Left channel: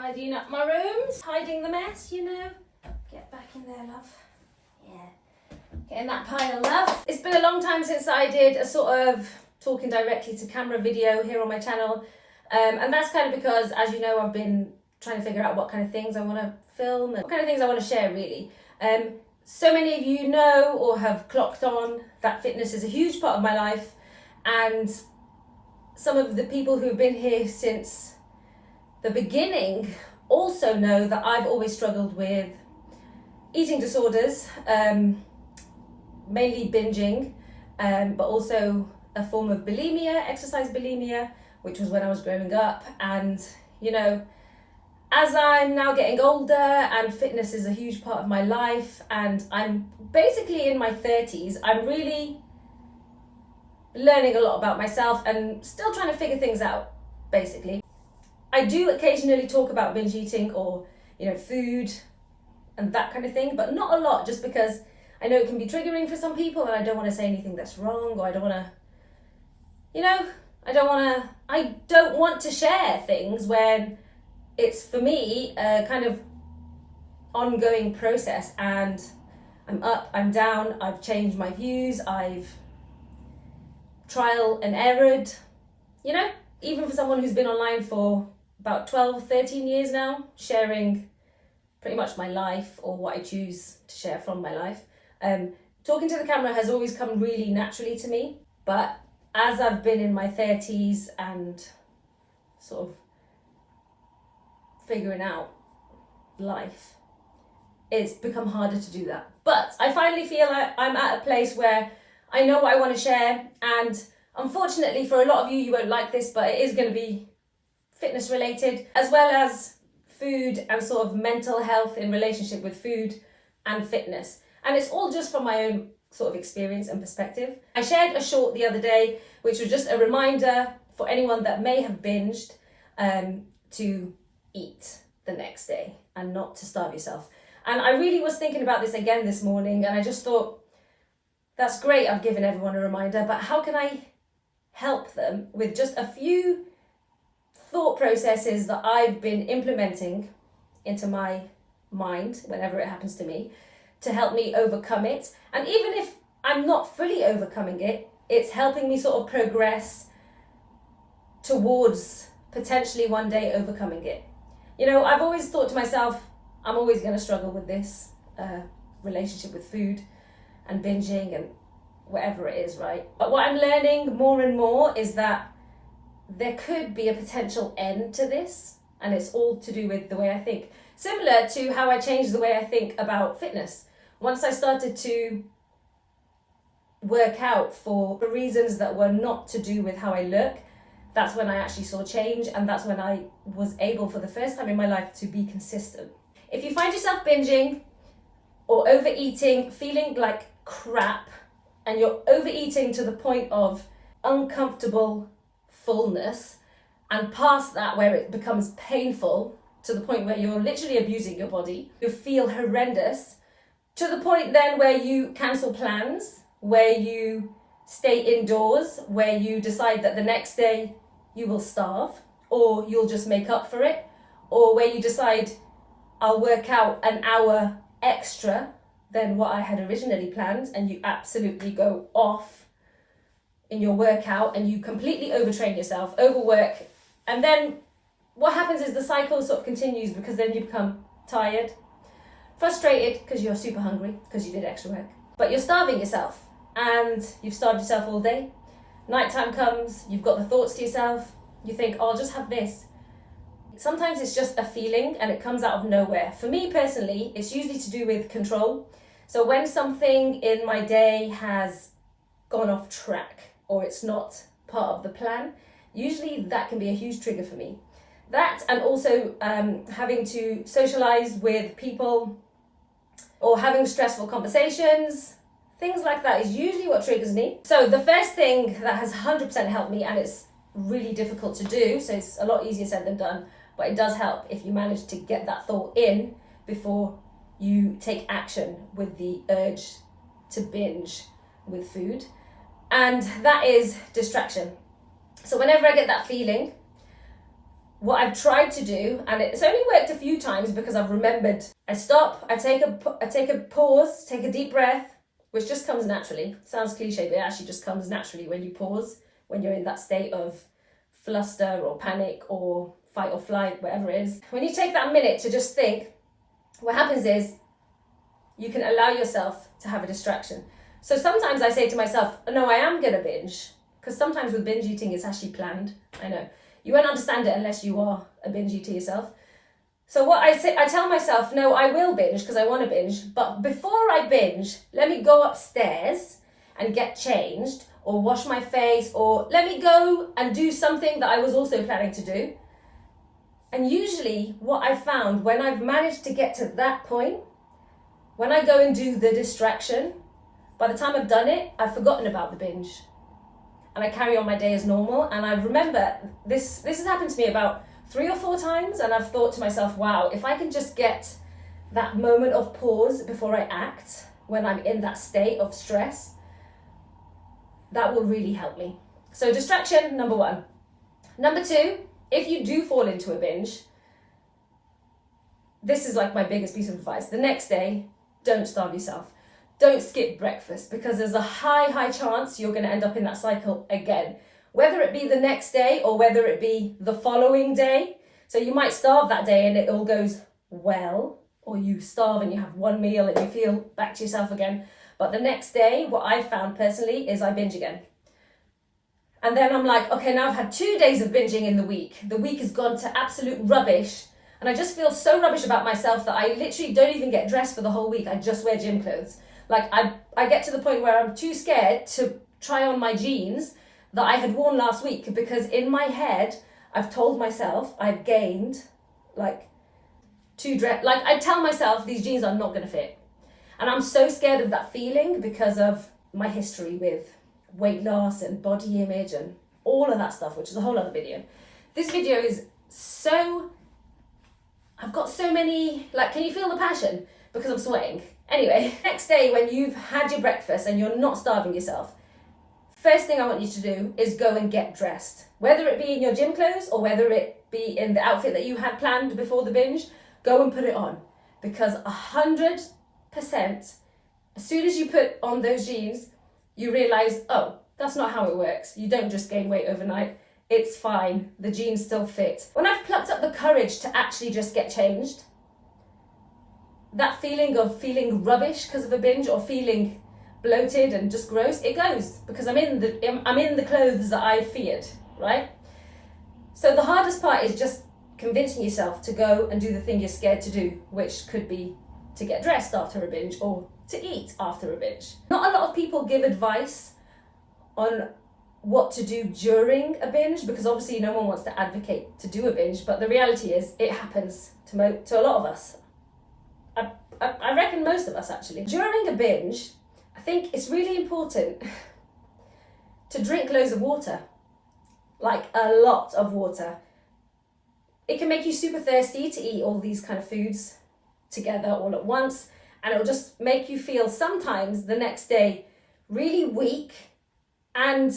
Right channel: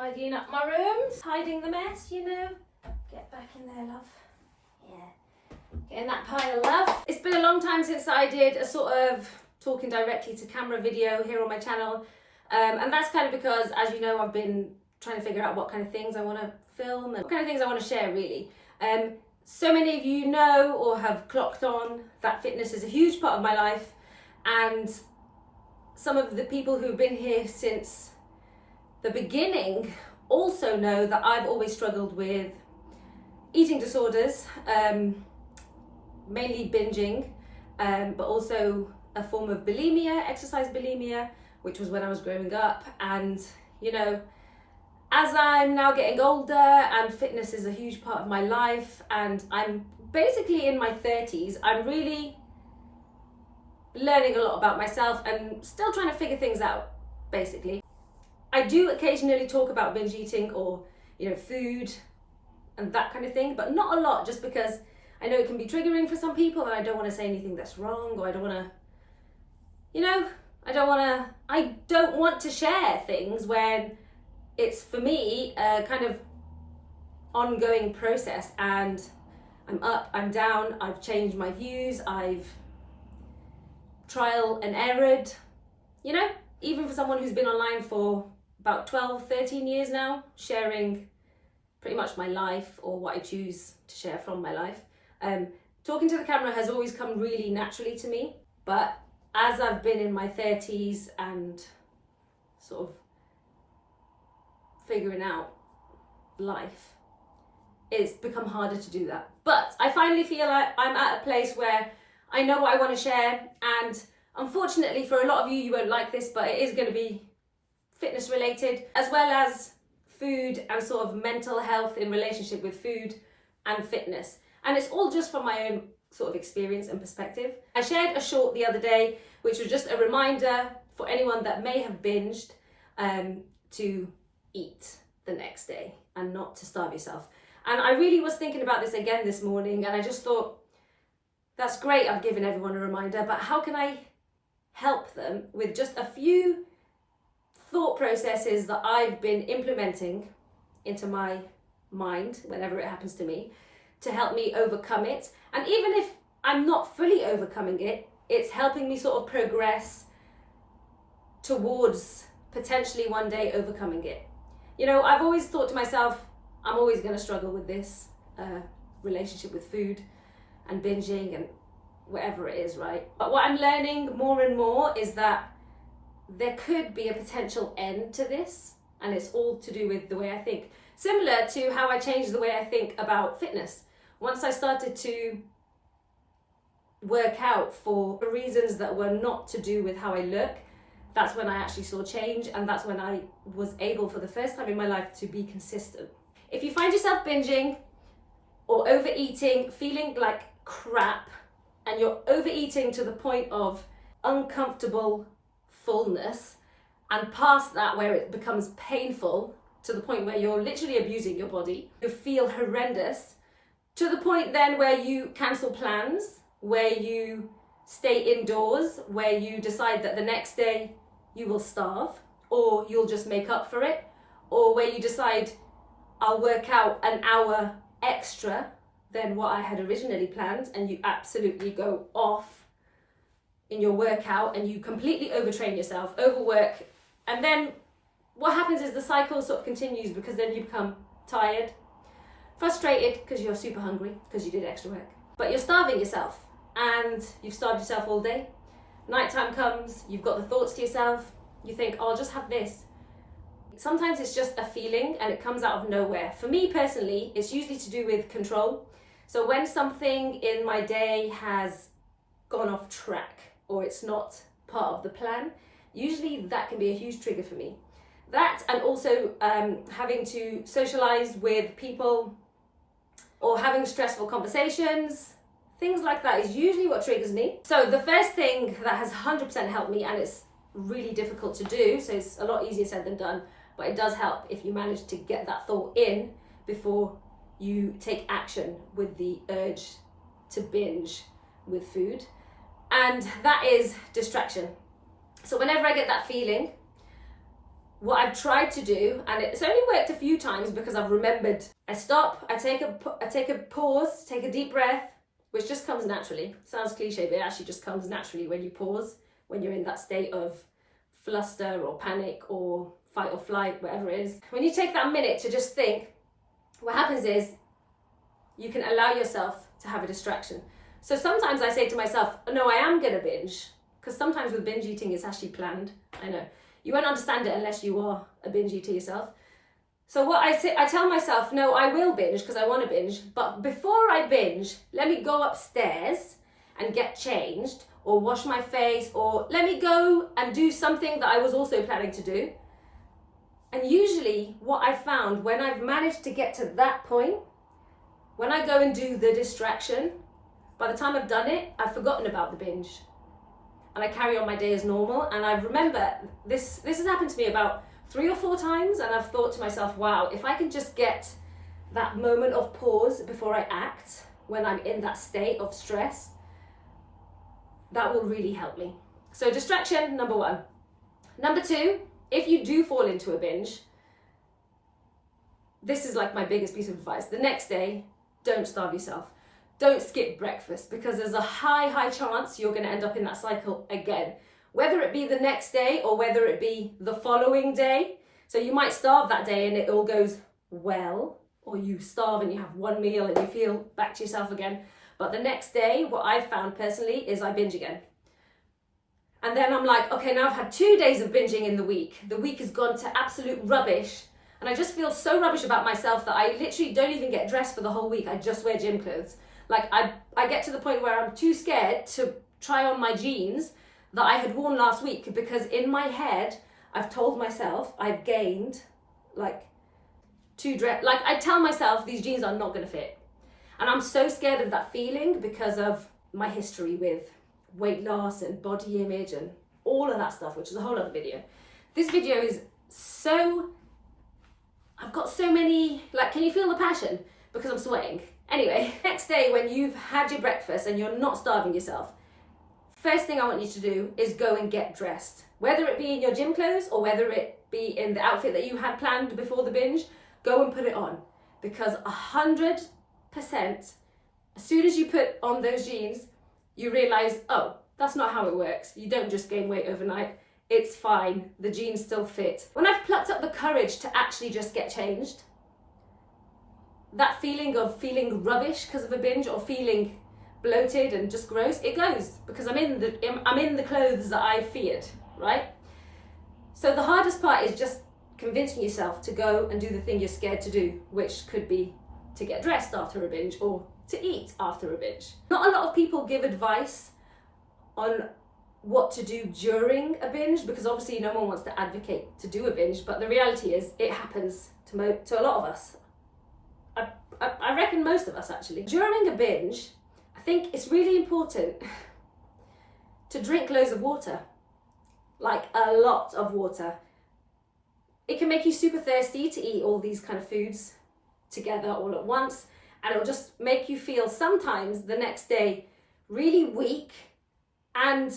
Tidying up my rooms, hiding the mess, you know. Get back in there, love. Yeah. Getting that pile of love. It's been a long time since I did a sort of talking directly to camera video here on my channel. And that's kind of because, as you know, I've been trying to figure out what kind of things I want to film and what kind of things I want to share, really. So many of you know or have clocked on that fitness is a huge part of my life. And some of the people who've been here since the beginning also know that I've always struggled with eating disorders, mainly binging, but also a form of bulimia, exercise bulimia, which was when I was growing up. And, you know, as I'm now getting older and fitness is a huge part of my life and I'm basically in my 30s, I'm really learning a lot about myself and still trying to figure things out, basically. I do occasionally talk about binge eating or, you know, food and that kind of thing, but not a lot, just because I know it can be triggering for some people and I don't want to say anything that's wrong, or I don't want to, you know, I don't want to share things when it's, for me, a kind of ongoing process, and I'm up, I'm down, I've changed my views, I've trial and errored, you know, even for someone who's been online for about 12, 13 years now, sharing pretty much my life or what I choose to share from my life. Talking to the camera has always come really naturally to me, but as I've been in my 30s and sort of figuring out life, it's become harder to do that. But I finally feel like I'm at a place where I know what I want to share, and unfortunately for a lot of you, you won't like this, but it is going to be fitness related, as well as food and sort of mental health in relationship with food and fitness. And it's all just from my own sort of experience and perspective. I shared a short the other day, which was just a reminder for anyone that may have binged to eat the next day and not to starve yourself. And I really was thinking about this again this morning, and I just thought, that's great, I've given everyone a reminder, but how can I help them with just a few thought processes that I've been implementing into my mind whenever it happens to me, to help me overcome it. And even if I'm not fully overcoming it, it's helping me sort of progress towards potentially one day overcoming it. You know, I've always thought to myself, I'm always going to struggle with this relationship with food and binging and whatever it is, right? But what I'm learning more and more is that there could be a potential end to this, and it's all to do with the way I think. Similar to how I changed the way I think about fitness. Once I started to work out for reasons that were not to do with how I look, that's when I actually saw change, and that's when I was able for the first time in my life to be consistent. If you find yourself binging or overeating, feeling like crap, and you're overeating to the point of uncomfortable fullness, and past that where it becomes painful to the point where you're literally abusing your body, you feel horrendous, to the point then where you cancel plans, where you stay indoors, where you decide that the next day you will starve, or you'll just make up for it, or where you decide, I'll work out an hour extra than what I had originally planned, and you absolutely go off in your workout and you completely overtrain yourself, overwork, and then what happens is the cycle sort of continues, because then you become tired, frustrated because you're super hungry because you did extra work, but you're starving yourself, and you've starved yourself all day. Nighttime comes, you've got the thoughts to yourself, you think, oh, I'll just have this. Sometimes it's just a feeling and it comes out of nowhere. For me personally, it's usually to do with control. So when something in my day has gone off track, or it's not part of the plan, usually that can be a huge trigger for me. That, and also having to socialize with people or having stressful conversations, things like that is usually what triggers me. So the first thing that has 100% helped me, and it's really difficult to do, so it's a lot easier said than done, but it does help if you manage to get that thought in before you take action with the urge to binge with food. And that is distraction. So whenever I get that feeling, what I've tried to do, and it's only worked a few times because I've remembered, I stop, I take a pause, take a deep breath, which just comes naturally. Sounds cliche, but it actually just comes naturally when you pause, when you're in that state of fluster or panic or fight or flight, whatever it is. When you take that minute to just think, what happens is you can allow yourself to have a distraction. So sometimes I say to myself, no, I am gonna binge, because sometimes with binge eating, it's actually planned. I know. You won't understand it unless you are a binge eater yourself. So what I say, I tell myself, no, I will binge because I want to binge. But before I binge, let me go upstairs and get changed or wash my face, or let me go and do something that I was also planning to do. And usually what I've found when I've managed to get to that point, when I go and do the distraction, by the time I've done it, I've forgotten about the binge. And I carry on my day as normal. And I remember this has happened to me about 3 or 4 times, and I've thought to myself, wow, if I can just get that moment of pause before I act, when I'm in that state of stress, that will really help me. So distraction, number 1. Number 2, if you do fall into a binge, this is like my biggest piece of advice. The next day, don't starve yourself. Don't skip breakfast, because there's a high chance you're going to end up in that cycle again, whether it be the next day or whether it be the following day. So you might starve that day and it all goes well, or you starve and you have one meal and you feel back to yourself again. But the next day, what I've found personally is I binge again. And then I'm like, okay, now I've had 2 days of binging in the week. The week has gone to absolute rubbish. And I just feel so rubbish about myself that I literally don't even get dressed for the whole week. I just wear gym clothes. Like I get to the point where I'm too scared to try on my jeans that I had worn last week, because in my head, I've told myself I've gained like I tell myself these jeans are not gonna fit. And I'm so scared of that feeling because of my history with weight loss and body image and all of that stuff, which is a whole other video. This video is I've got so many, like, can you feel the passion? Because I'm sweating. Anyway, next day when you've had your breakfast and you're not starving yourself, first thing I want you to do is go and get dressed. Whether it be in your gym clothes or whether it be in the outfit that you had planned before the binge, go and put it on. Because 100%, as soon as you put on those jeans, you realize, oh, that's not how it works. You don't just gain weight overnight. It's fine. The jeans still fit. When I've plucked up the courage to actually just get changed, that feeling of feeling rubbish because of a binge or feeling bloated and just gross, it goes, because I'm in the clothes that I feared, right? So the hardest part is just convincing yourself to go and do the thing you're scared to do, which could be to get dressed after a binge or to eat after a binge. Not a lot of people give advice on what to do during a binge, because obviously no one wants to advocate to do a binge, but the reality is it happens to a lot of us. I reckon most of us actually. During a binge, I think it's really important to drink loads of water, like a lot of water. It can make you super thirsty to eat all these kind of foods together all at once, and it'll just make you feel sometimes the next day really weak. And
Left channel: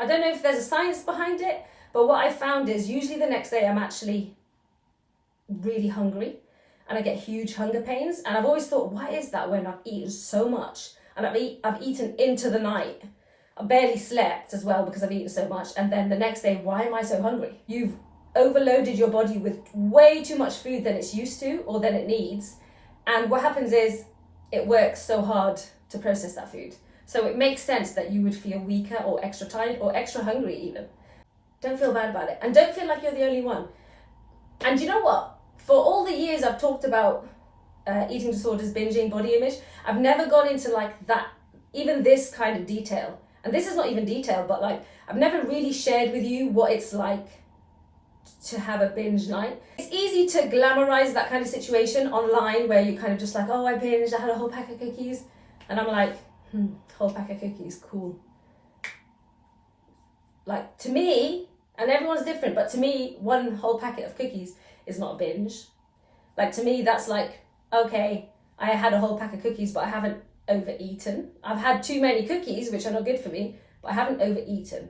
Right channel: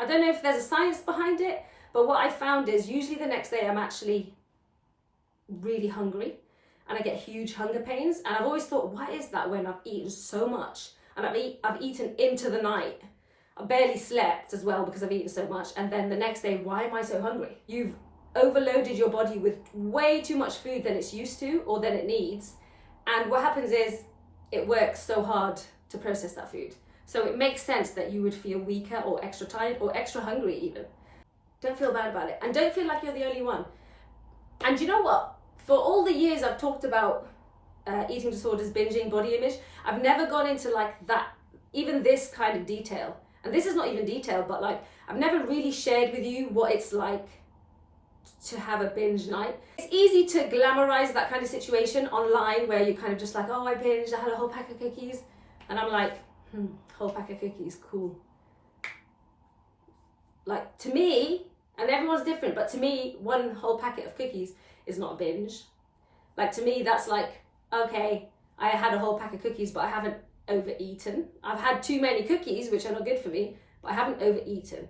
I don't know if there's a science behind it, but what I found is usually the next day I'm actually really hungry and I get huge hunger pains. And I've always thought, why is that when I've eaten so much and I've eaten into the night? I barely slept as well because I've eaten so much. And then the next day, why am I so hungry? You've overloaded your body with way too much food than it's used to or than it needs. And what happens is it works so hard to process that food. So it makes sense that you would feel weaker or extra tired or extra hungry even. Don't feel bad about it. And don't feel like you're the only one. And you know what? For all the years I've talked about eating disorders, binging, body image, I've never gone into like that, even this kind of detail. And this is not even detail, but like I've never really shared with you what it's like to have a binge night. It's easy to glamorize that kind of situation online where you kind of just like, oh, I binged, I had a whole pack of cookies. And I'm like, whole pack of cookies, cool. Like to me, and everyone's different, but to me, one whole packet of cookies is not a binge. Like to me, that's like, okay, I had a whole pack of cookies, but I haven't overeaten. I've had too many cookies, which are not good for me, but I haven't overeaten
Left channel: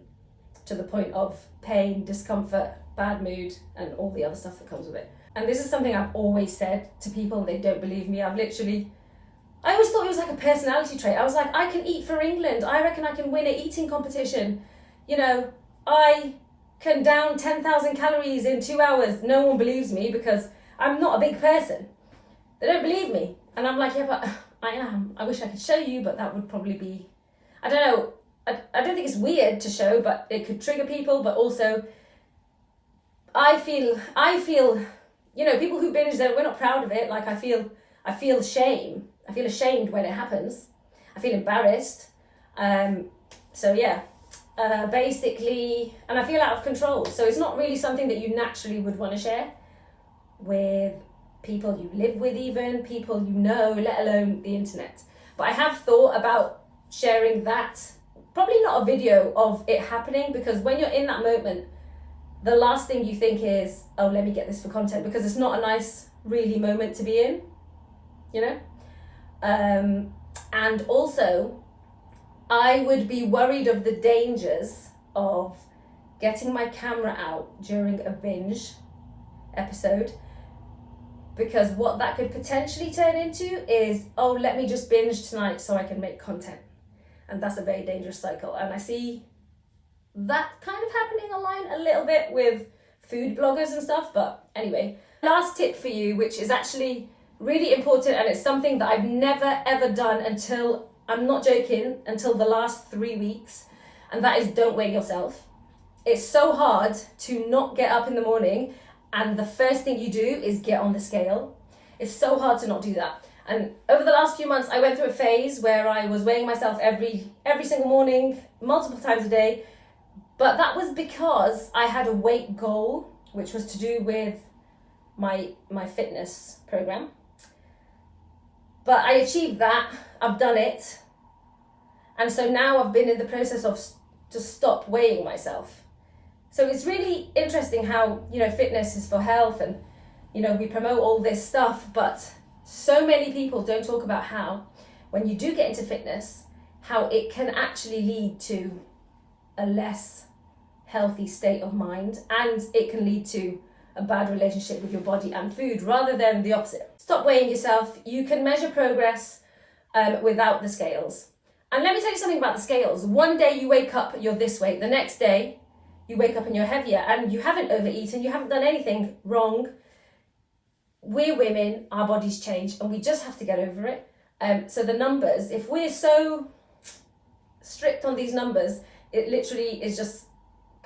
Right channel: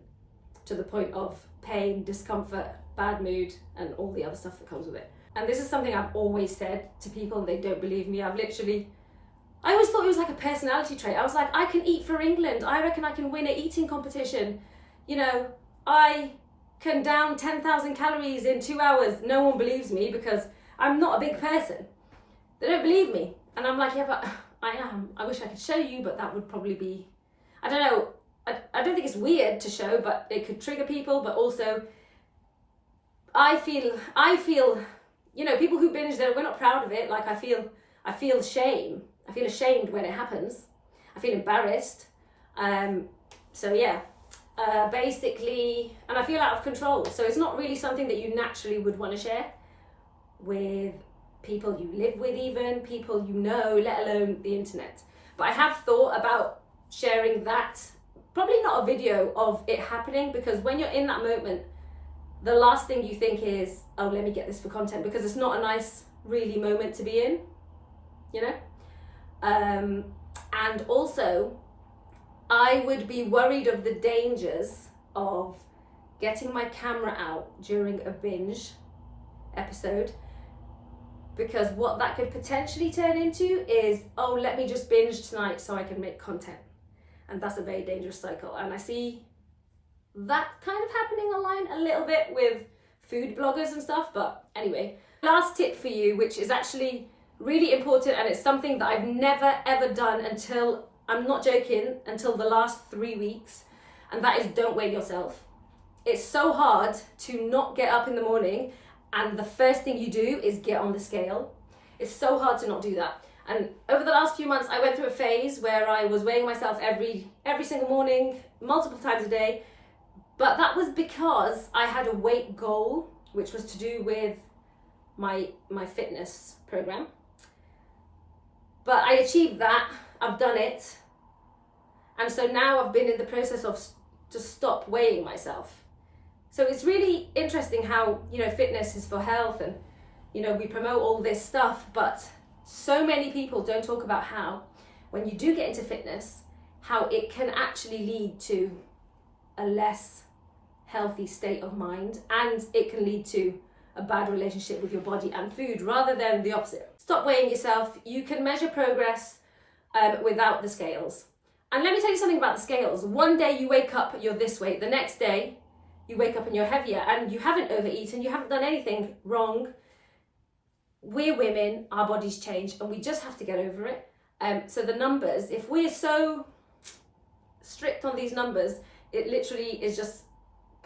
to the point of pain, discomfort, bad mood, and all the other stuff that comes with it. And this is something I've always said to people and they don't believe me. I always thought it was like a personality trait. I was like, I can eat for England. I reckon I can win an eating competition. You know, I can down 10,000 calories in 2 hours. No one believes me because I'm not a big person. They don't believe me. And I'm like, yeah, but I am. I wish I could show you, but that would probably be, I don't know. I don't think it's weird to show, but it could trigger people. But also, I feel, you know, people who binge, we're not proud of it. Like I feel shame. I feel ashamed when it happens. I feel embarrassed. So yeah, basically, and I feel out of control. So it's not really something that you naturally would want to share with people you live with, even people you know, let alone the internet. But I have thought about sharing that, probably not a video of it happening, because when you're in that moment, the last thing you think is, oh, let me get this for content, because it's not a nice, really moment to be in, you know? And also, I would be worried of the dangers of getting my camera out during a binge episode, because what that could potentially turn into is, oh, let me just binge tonight so I can make content. And that's a very dangerous cycle. And I see that kind of happening online a little bit with food bloggers and stuff. But anyway, last tip for you, which is actually really important, and it's something that I've never ever done until, I'm not joking, until the last 3 weeks, and that is don't weigh yourself. It's so hard to not get up in the morning and the first thing you do is get on the scale. It's so hard to not do that. And over the last few months, I went through a phase where I was weighing myself every single morning, multiple times a day. But that was because I had a weight goal, which was to do with my fitness program. But I achieved that, I've done it. And so now I've been in the process of to stop weighing myself. So it's really interesting how, you know, fitness is for health and, you know, we promote all this stuff, but so many people don't talk about how, when you do get into fitness, how it can actually lead to a less healthy state of mind, and it can lead to a bad relationship with your body and food rather than the opposite. Stop weighing yourself. You can measure progress without the scales. And let me tell you something about the scales. One day you wake up, you're this weight. The next day you wake up and you're heavier, and you haven't overeaten, you haven't done anything wrong. We're women, our bodies change, and we just have to get over it. So the numbers, if we're so strict on these numbers, it literally is just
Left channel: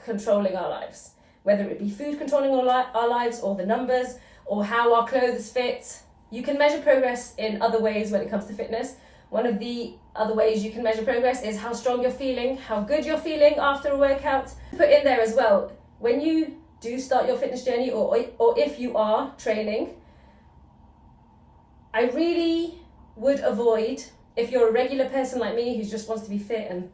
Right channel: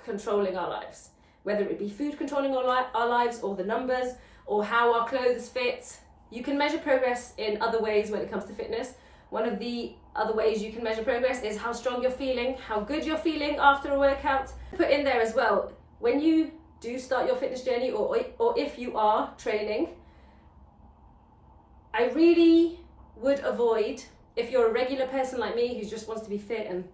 controlling our lives. Whether it be food controlling our lives, or the numbers, or how our clothes fit. You can measure progress in other ways when it comes to fitness. One of the other ways you can measure progress is how strong you're feeling, how good you're feeling after a workout. Put in there as well, when you do start your fitness journey, or if you are training, I really would avoid, if you're a regular person like me who just wants to be fit and,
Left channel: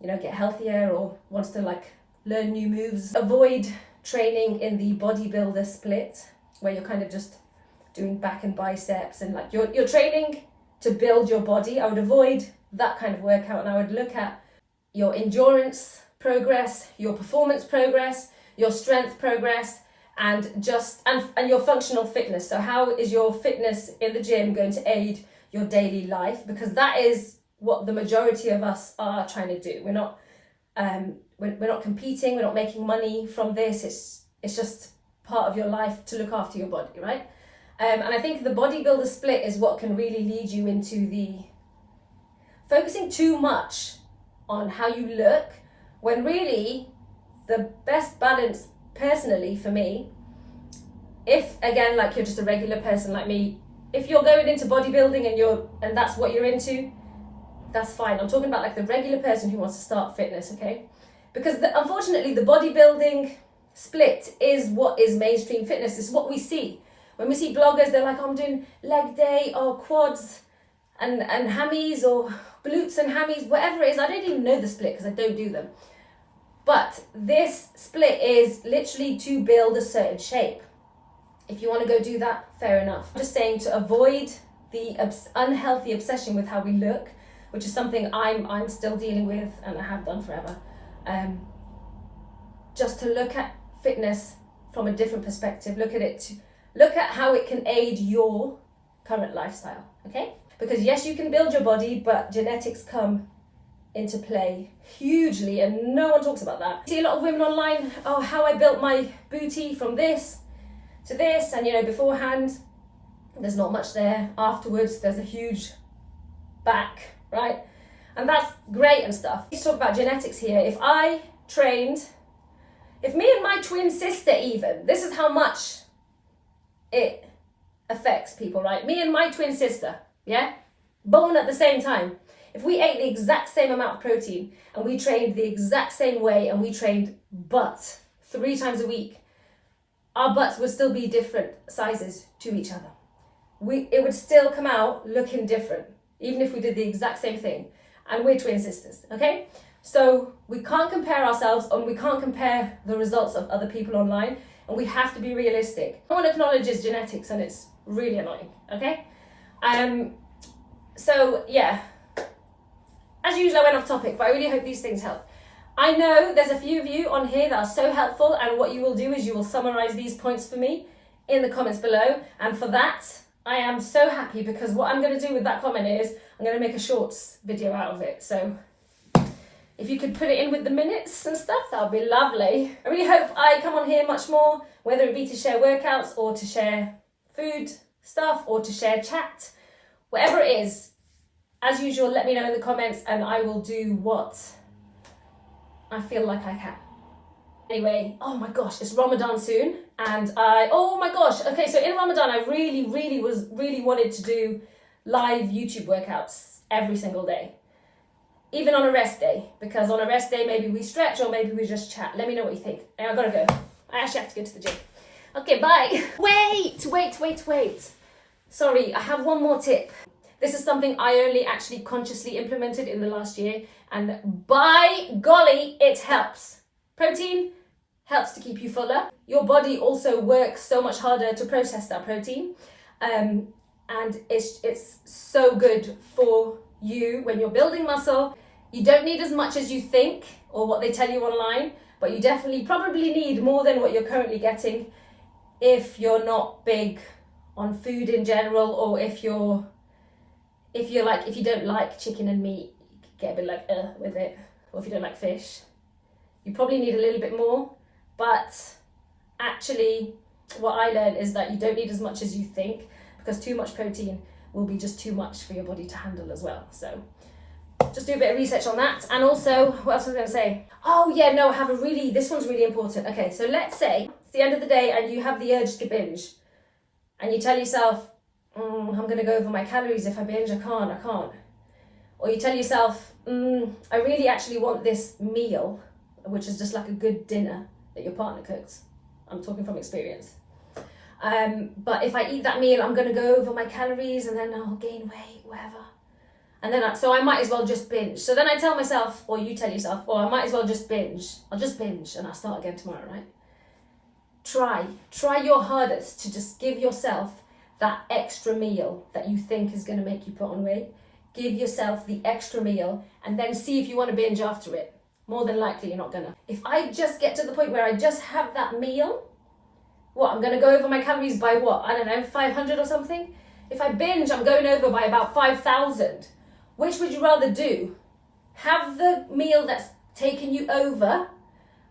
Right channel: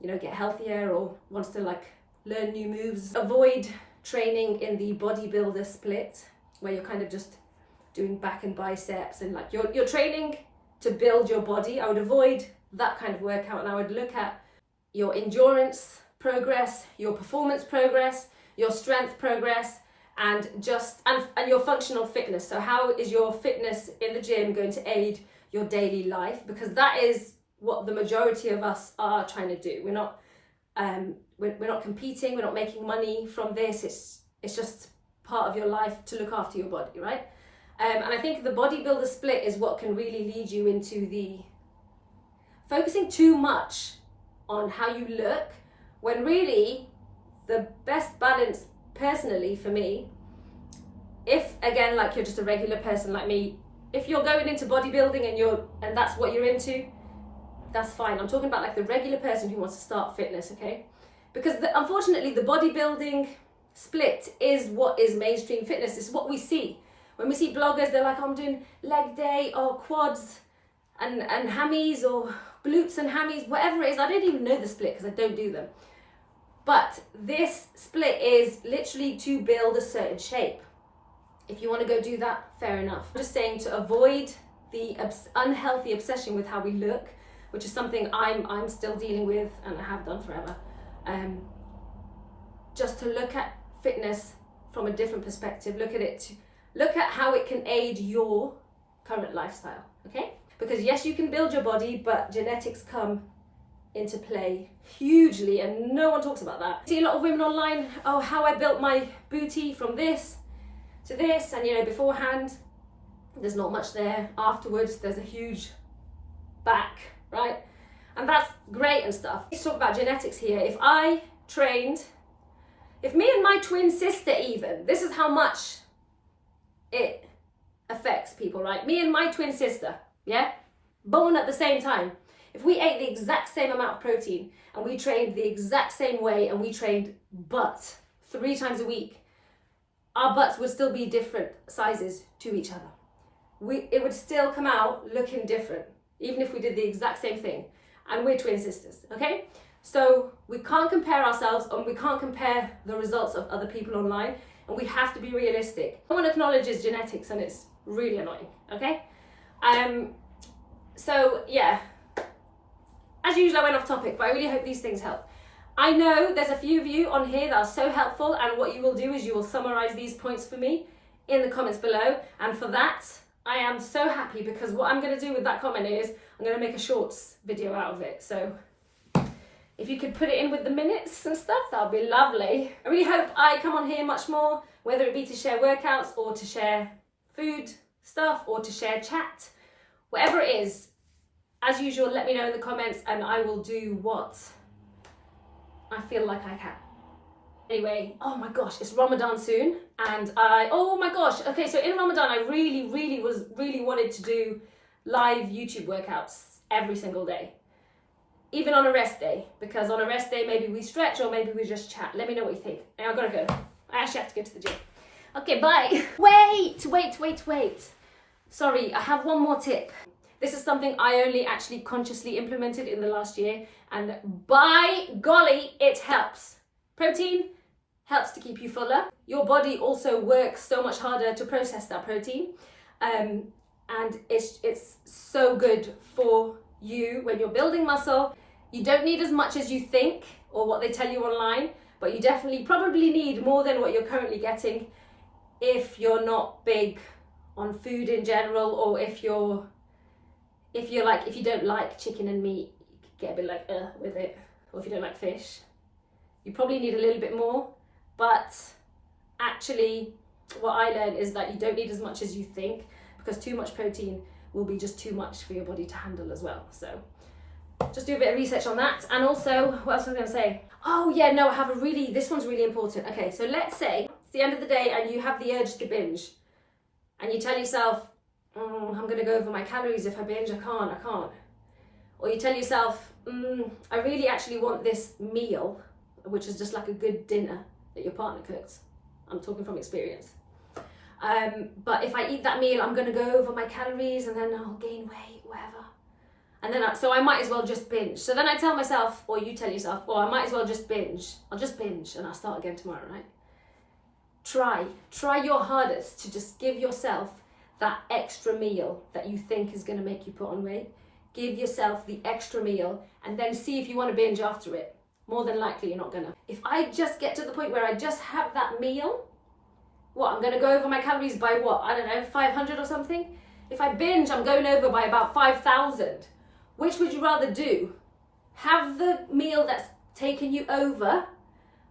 you know, get healthier or wants to like learn new moves, avoid training in the bodybuilder split where you're kind of just doing back and biceps and like you're training to build your body. I would avoid that kind of workout, and I would look at your endurance progress, your performance progress, your strength progress, and your functional fitness. So how is your fitness in the gym going to aid your daily life? Because that is what the majority of us are trying to do. We're not competing, we're not making money from this. It's just part of your life to look after your body, right? And I think the bodybuilder split is what can really lead you into the focusing too much on how you look, when really the best balance, personally for me, if again, like you're just a regular person like me, if you're going into bodybuilding and that's what you're into, that's fine. I'm talking about like the regular person who wants to start fitness, okay? Because unfortunately the bodybuilding split is what is mainstream fitness. It's what we see. When we see bloggers, they're like, I'm doing leg day or quads and hammies or glutes and hammies, whatever it is. I don't even know the split because I don't do them. But this split is literally to build a certain shape. If you want to go do that, fair enough. I'm just saying to avoid the unhealthy obsession with how we look, which is something I'm still dealing with and I have done forever. Just to look at fitness from a different perspective. Look at how it can aid your current lifestyle, okay? Because yes, you can build your body, but genetics come into play hugely, and no one talks about that. I see a lot of women online, oh, how I built my booty from this to this, and beforehand, there's not much there. Afterwards, there's a huge back, right? And that's great and stuff. Let's talk about genetics here. If me and my twin sister even, this is how much it affects people, right? Me and my twin sister, yeah? Born at the same time. If we ate the exact same amount of protein and we trained the exact same way and we trained butt 3 times a week, our butts would still be different sizes to each other. It would still come out looking different, even if we did the exact same thing. And we're twin sisters, okay? So we can't compare ourselves, and we can't compare the results of other people online, and we have to be realistic. No one acknowledges genetics, and it's really annoying, okay? So yeah, as usual, I went off topic, but I really hope these things help. I know there's a few of you on here that are so helpful, and what you will do is you will summarize these points for me in the comments below, and for that, I am so happy, because what I'm going to do with that comment is I'm going to make a shorts video out of it. So if you could put it in with the minutes and stuff, that would be lovely. I really hope I come on here much more, whether it be to share workouts or to share food stuff or to share chat, whatever it is. As usual, let me know in the comments and I will do what I feel like I can. Anyway, oh my gosh, it's Ramadan soon, and oh my gosh, okay, so in Ramadan, I really wanted to do live YouTube workouts every single day, even on a rest day, because on a rest day, maybe we stretch or maybe we just chat. Let me know what you think. I've got to go. I actually have to go to the gym. Okay, bye. Wait. Sorry, I have one more tip. This is something I only actually consciously implemented in the last year, and by golly, it helps. Protein helps to keep you fuller. Your body also works so much harder to process that protein. And it's so good for you when you're building muscle. You don't need as much as you think or what they tell you online, but you definitely probably need more than what you're currently getting if you're not big on food in general, or if you don't like chicken and meat, you get a bit like with it, or if you don't like fish, you probably need a little bit more. But actually, what I learned is that you don't need as much as you think, because too much protein will be just too much for your body to handle as well. So just do a bit of research on that. And also, what else was I going to say? Oh yeah, no, this one's really important. Okay, so let's say it's the end of the day and you have the urge to binge, and you tell yourself, I'm going to go over my calories. If I binge, I can't. Or you tell yourself, I really actually want this meal, which is just like a good dinner that your partner cooks. I'm talking from experience. But if I eat that meal, I'm going to go over my calories and then I'll gain weight, whatever. And then, so I might as well just binge. So then I tell myself, or you tell yourself, I might as well just binge. I'll just binge and I'll start again tomorrow, right? Try your hardest to just give yourself that extra meal that you think is going to make you put on weight. Give yourself the extra meal and then see if you want to binge after it. More than likely, you're not gonna. If I just get to the point where I just have that meal, I'm gonna go over my calories by what? I don't know, 500 or something? If I binge, I'm going over by about 5,000. Which would you rather do? Have the meal that's taken you over,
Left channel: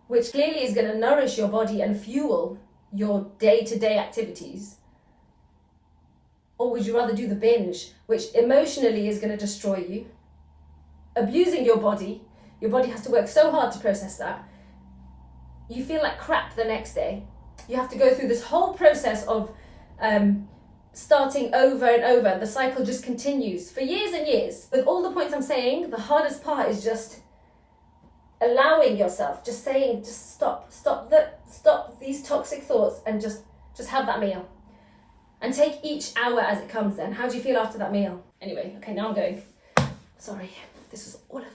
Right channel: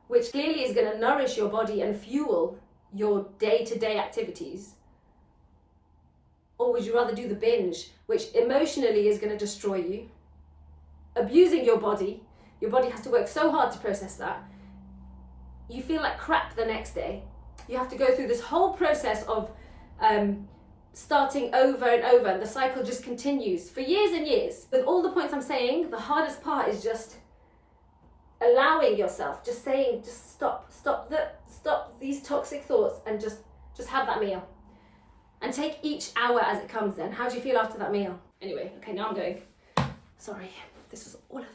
which clearly is gonna nourish your body and fuel your day-to-day activities? Or would you rather do the binge, which emotionally is gonna destroy you, abusing your body? Your body has to work so hard to process that. You feel like crap the next day. You have to go through this whole process of starting over and over. The cycle just continues for years and years. With all the points I'm saying, the hardest part is just allowing yourself, just saying, just stop these toxic thoughts and just have that meal. And take each hour as it comes then. How do you feel after that meal? Anyway, okay, now I'm going. Sorry, this was all of them.